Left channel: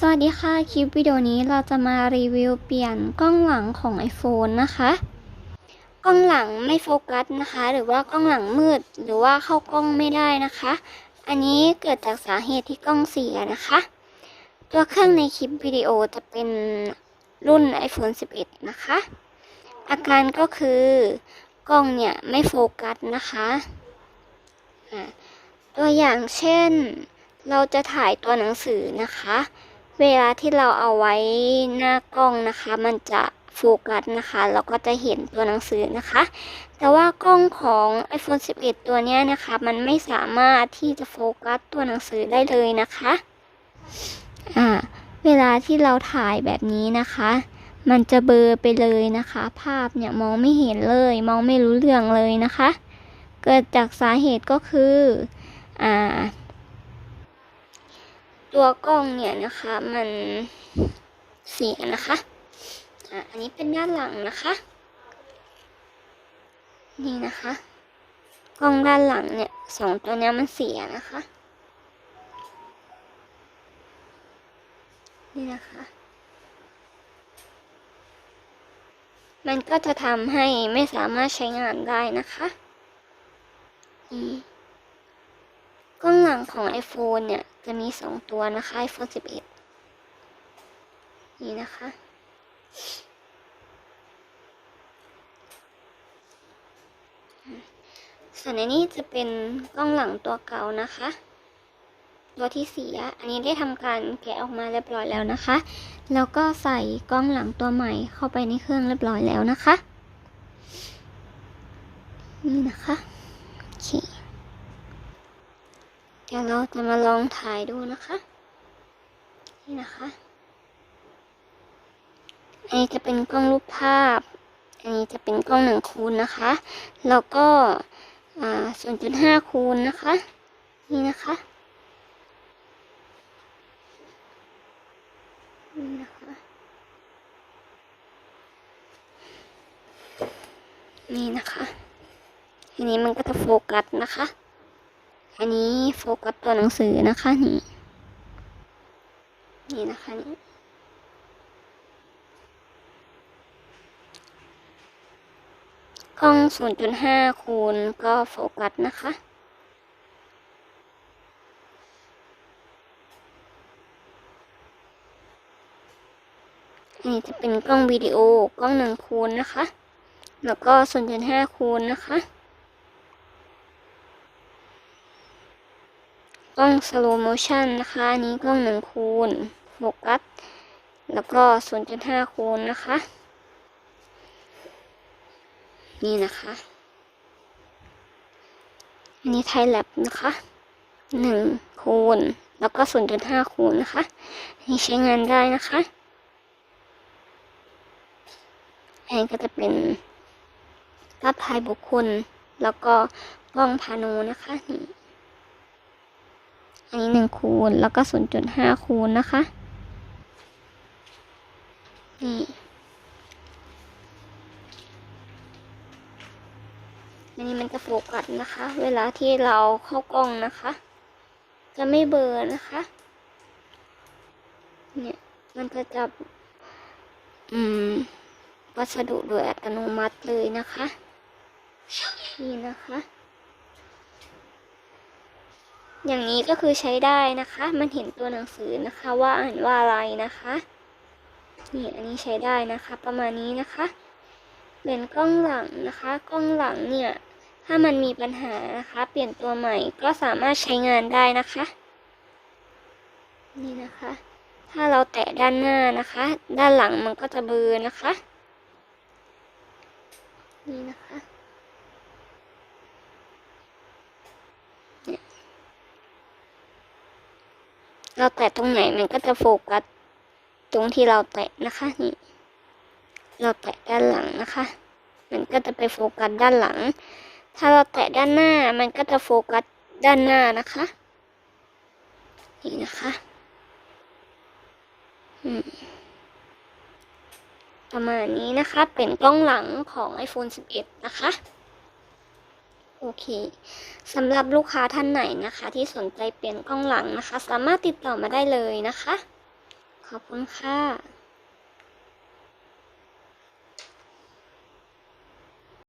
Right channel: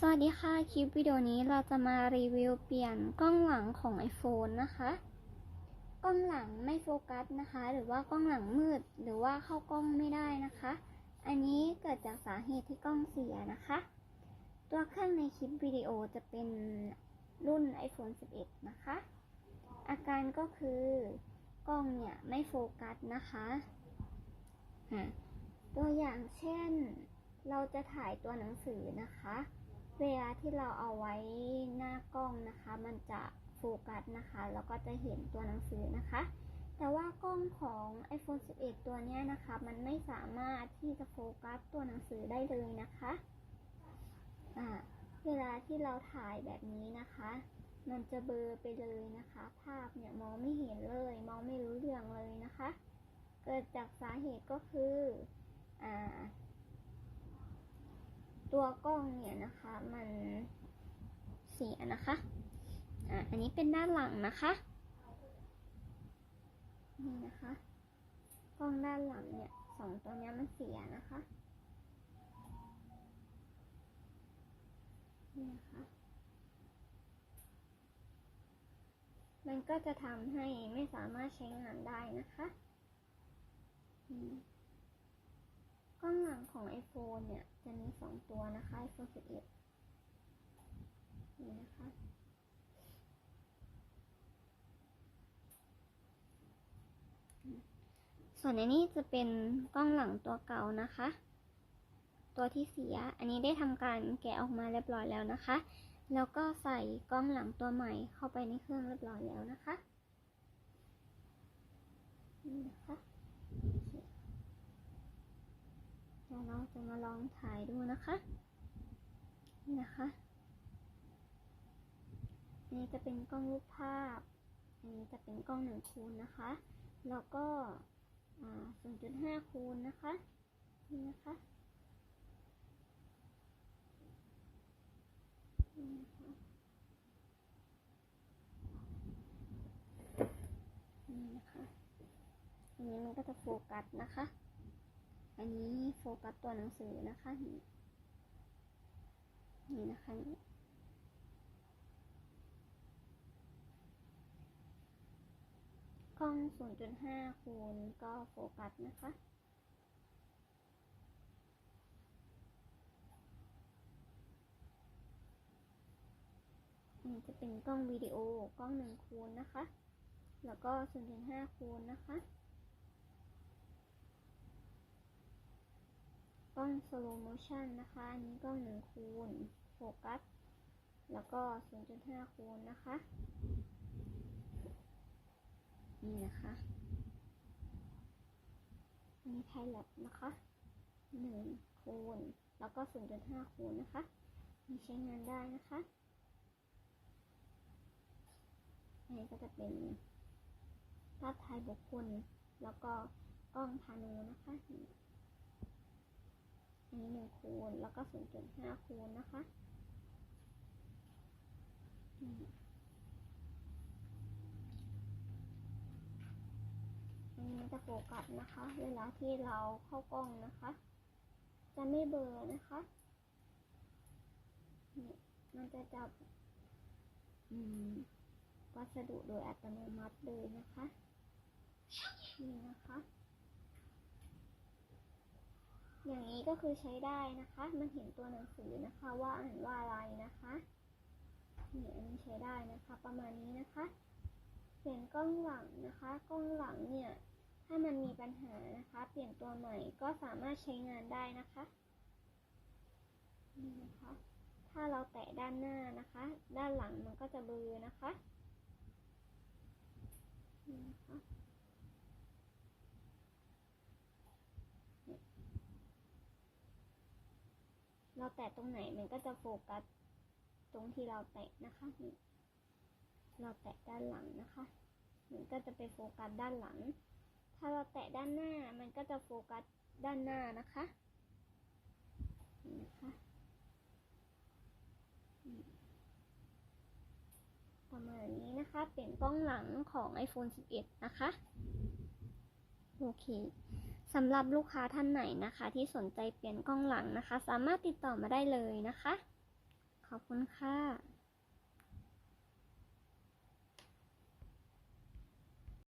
สวัสดีค่ะ คลิปวิดีโอนี้เราจะมารีวิวเปลี่ยนกล้องหลังของ iPhone นะคะ กล้องหลังไม่โฟกัสนะคะ หรือว่ากล้องหลังมืด หรือว่าเข้ากล้องไม่ได้นะคะ อันนี้เกิดจากสาเหตุที่กล้องเสียนะคะ ตัวเครื่องในคลิปวิดีโอจะเป็นรุ่น iPhone 11 นะคะ อาการก็คือกล้องเนี่ยไม่โฟกัสนะคะตัวอย่างเช่น เราจะถ่ายตัวหนังสือนะคะ เวลาที่เราเอาไว้หน้ากล้องนะคะ มันจะโฟกัสนะคะเราก็จะเห็นตัวหนังสือนะคะ แต่ว่ากล้องของ iPhone 11 ตัวนี้นะคะ มันไม่สามารถที่จะโฟกัสตัวหนังสือได้เลยนะคะอ่าเวลาที่เราถ่ายแบบนี้นะคะ มันจะเบลอไปเลยนะคะ ภาพเนี่ยมองไม่เห็นเลย มองไม่รู้เรื่องเลยนะคะ เกิดจากสาเหตุก็คืออ่า ตัวกล้องเนี่ยนะคะมันเสียนะคะอะอันนี้เป็นด้านหลังนะคะ นี่นะคะ กล้องด้านหลังเนี่ยสองตัวนี้มันเสียนะคะ นี่นะคะ มันก็จะทำให้ไม่สามารถใช้งานได้นะคะนี่ กล้องของ iPhone เนี่ย จะมีสองตัวนะคะ iPhone 11 นี่นะคะ ส่วนในนี้จะเป็นกล้องหลังตัวเก่านะคะ ตัวที่เสีย อันนี้ได้ทำการแกะออกมาเรียบร้อยแล้วนะคะ แล้วก็ใส่กล้องหลังตัวใหม่เข้าไปในเครื่องเรียบร้อยแล้วนะคะ นี่นะคะ โอเค เดี๋ยวเราจะมาลองถ่ายดูนะคะ นี่นะคะอันนี้จะเป็นกล้องรูปภาพ อันนี้จะเป็นกล้องหนึ่งคูณนะคะ แล้วก็อ่าศูนย์จุดห้าคูณนะคะ นี่นะคะ นี่นะคะ นี่นะคะอันนี้มันก็จะโฟกัสนะคะ อันนี้โฟกัสตัวหนังสือนะคะนี่นี่นะคะนี่กล้อง 0.5 คูณก็โฟกัสนะคะ อันนี้จะเป็นกล้องวิดีโอกล้องหนึ่งคูณนะคะ แล้วก็ 0.5 คูณนะคะ กล้อง slow motion นะคะ อันนี้กล้องหนึ่งคูณโฟกัส แล้วก็0.5คูณนะคะ นี่นะคะ อันนี้ไทยแลบนะคะหนึ่งคูณ แล้วก็0.5คูณนะคะนนี้ใช้งานได้นะคะอันนี้ก็จะเป็นภาพถ่ายบุคคล แล้วก็กล้องพาโนนะคะนี่ อันนี้หนึ่งคูณแล้วก็ศูนย์จุดห้าคูณนะคะ นี่อันนี้มันจะโฟกัสนะคะ เวลาที่เราเข้ากล้องนะคะ จะไม่เบลอนะคะ เนี่ยมันจะจับ อืม วัสดุโดยอัตโนมัติเลยนะคะ นี่นะคะ อย่างนี้ก็คือใช้ได้นะคะ มันเห็นตัวหนังสือนะคะว่าอ่านว่าอะไรนะคะ นี่อันนี้ใช้ได้นะคะ ประมาณนี้นะคะ เป็นกล้องหลังนะคะ กล้องหลังเนี่ย ถ้ามันมีปัญหานะคะ เปลี่ยนตัวใหม่ก็สามารถใช้งานได้นะคะ นี่นะคะ ถ้าเราแตะด้านหน้านะคะ ด้านหลังมันก็จะเบลอนะคะ นี่นะคะ เราแตะตรงไหนมันก็จะโฟกัสตรงที่เราแตะนะคะนี่เราแตะด้านหลังนะคะ มันก็จะไปโฟกัสด้านหลัง ถ้าเราแตะด้านหน้ามันก็จะโฟกัสด้านหน้านะคะนี่นะคะประมาณนี้นะคะเป็นกล้องหลังของ iPhone 11 นะคะ โอเคสำหรับลูกค้าท่านไหนนะคะ ที่สนใจเปลี่ยนกล้องหลังนะคะ สามารถติดต่อมาได้เลยนะคะ ขอบคุณค่ะ